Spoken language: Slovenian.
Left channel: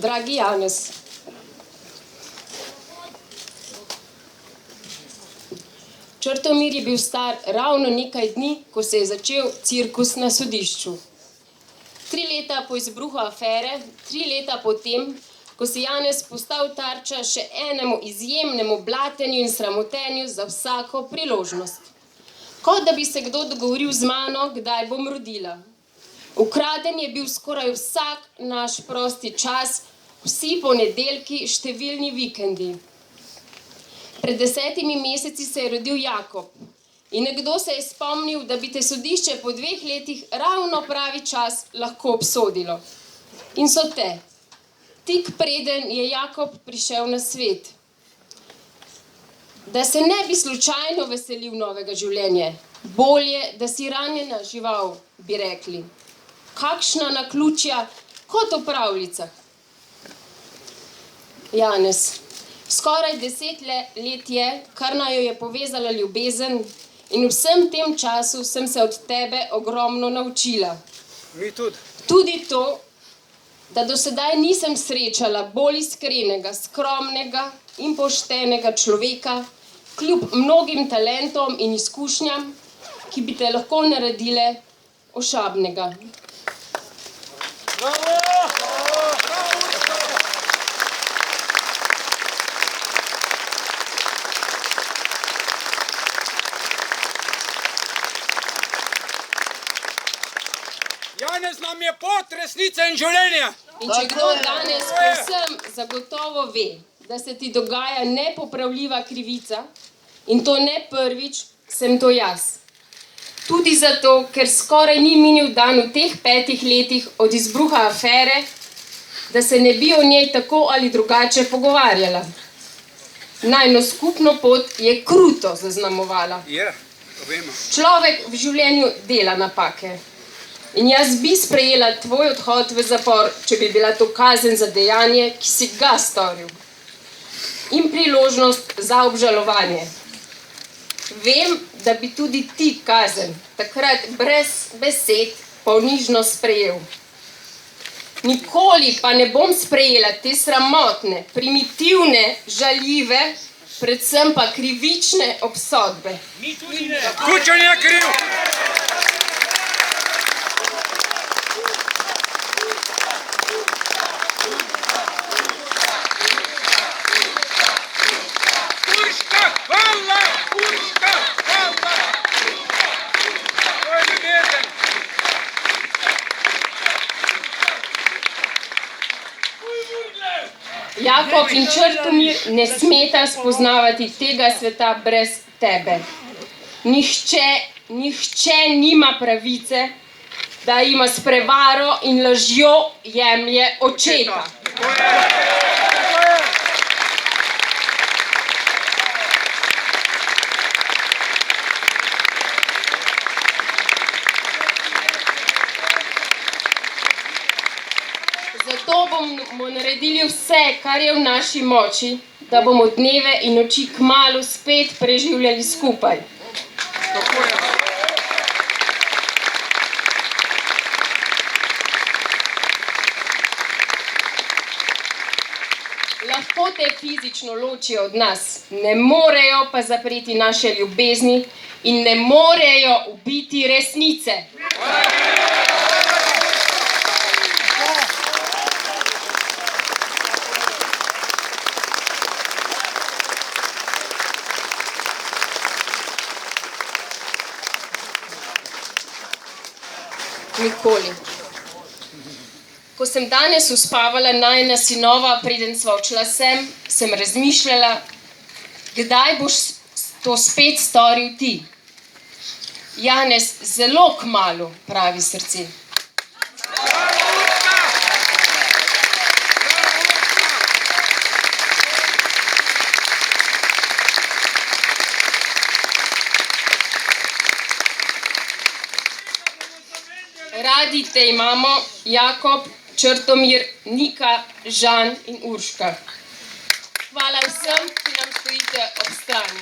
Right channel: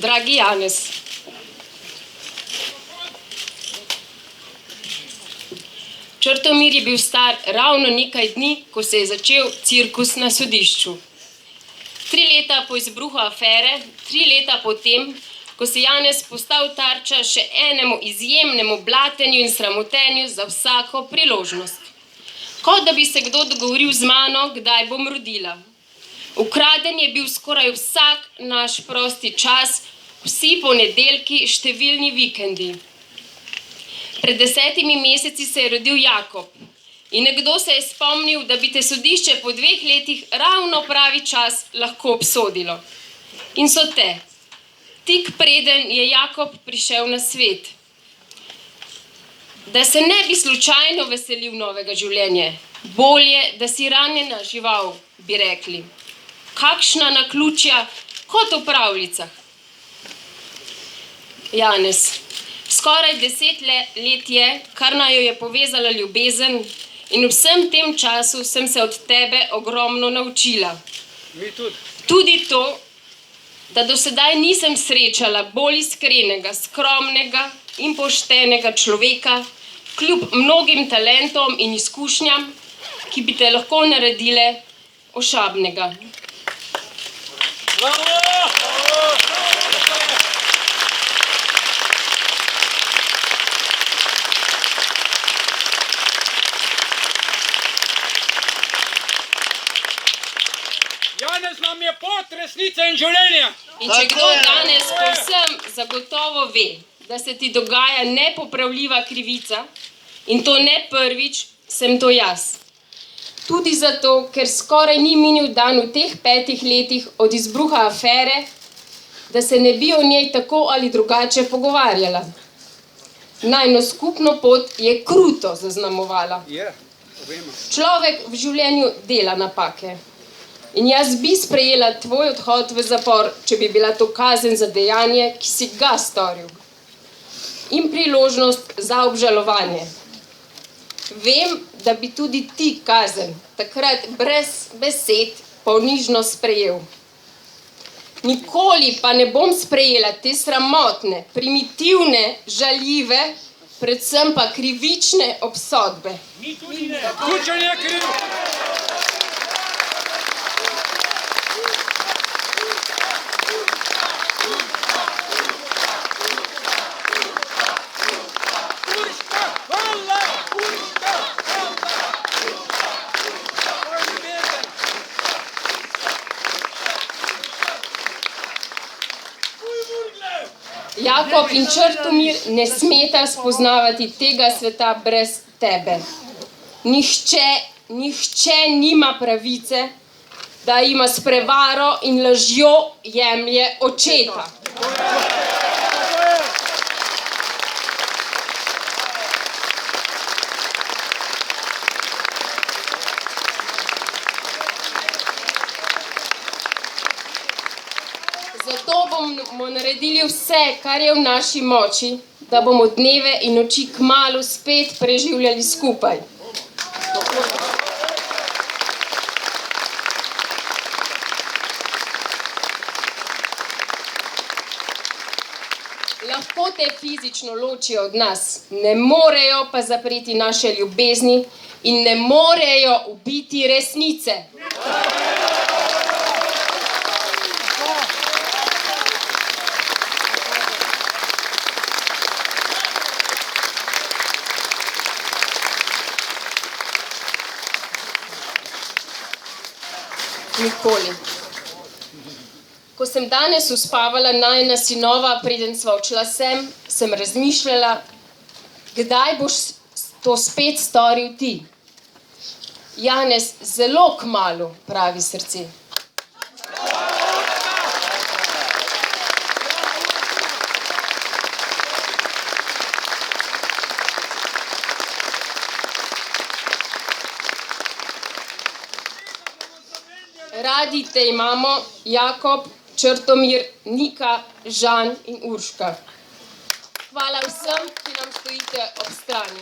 Dragi Janez, Črtomir je bil star ravno nekaj dni, ko se je začel cirkus na sodišču. 3 leta po izbruhu afere, 3 leta po tem, ko se Janez postal tarča še enemu izjemnemu blatenju in sramotenju za vsako priložnost. Kot da bi se kdo dogovoril z mano, kdaj bom rodila. Ukraden je bil skoraj vsak naš prosti čas, vsi ponedeljki, številni vikendi. Pred 10 meseci se je rodil Jakob in nekdo se je spomnil, da bi te sodišče po 2 letih ravno pravi čas lahko obsodilo. In so te. Tik preden je Jakob prišel na svet. Da se ne bi slučajno veselil novega življenja. Bolje, da si ranjena žival, bi rekli. Kakšna naključja, kot v pravljicah. Janez, skoraj 10 let je, kar naju je povezala ljubezen in v vsem tem času sem se od tebe ogromno naučila. Mi tudi. Tudi to, da do sedaj nisem srečala bolj iskrenega, skromnega in poštenega človeka, kljub mnogim talentom in izkušnjam, ki bi te lahko naredile ošabnega. Janez nam je pot resnice in življenja. In če kdo danes povsem zagotovo ve, da se ti dogaja nepopravljiva krivica, in to ne prvič, sem to jaz. Tudi zato, ker skoraj ni minil dan v teh 5 letih od izbruha afere, da se ne bi o njej tako ali drugače pogovarjala. Najino skupno pot je kruto zaznamovala. Človek v življenju dela napake. In jaz bi sprejela tvoj odhod v zapor, če bi bila to kazen za dejanje, ki si ga storil. In priložnost za obžalovanje. Vem, da bi tudi ti kazen takrat brez besed ponižno sprejel. Nikoli pa ne bom sprejela te sramotne, primitivne, žaljive, predvsem pa krivične obsodbe. Kučan je kriv. Jakob in Črtomir ne smeta spoznavati tega sveta brez tebe. Nihče nima pravice, da jima s prevaro in lažjo jemlje očeta. Zato bomo naredili vse, kar je v naši moči, da bomo dneve in noči kmalu spet preživljali skupaj. Lahko te fizično ločijo od nas, ne morejo pa zapreti naše ljubezni in ne morejo ubiti resnice. Nikoli. Ko sem danes uspavala najina sinova, preden sva odšla sem razmišljala, kdaj boš to spet storil ti. Janez, zelo kmalu, pravi srce. Radi te imamo, Jakob, Črtomir, Nika, Žan in Urška. Hvala vsem, ki nam stojite ob strani.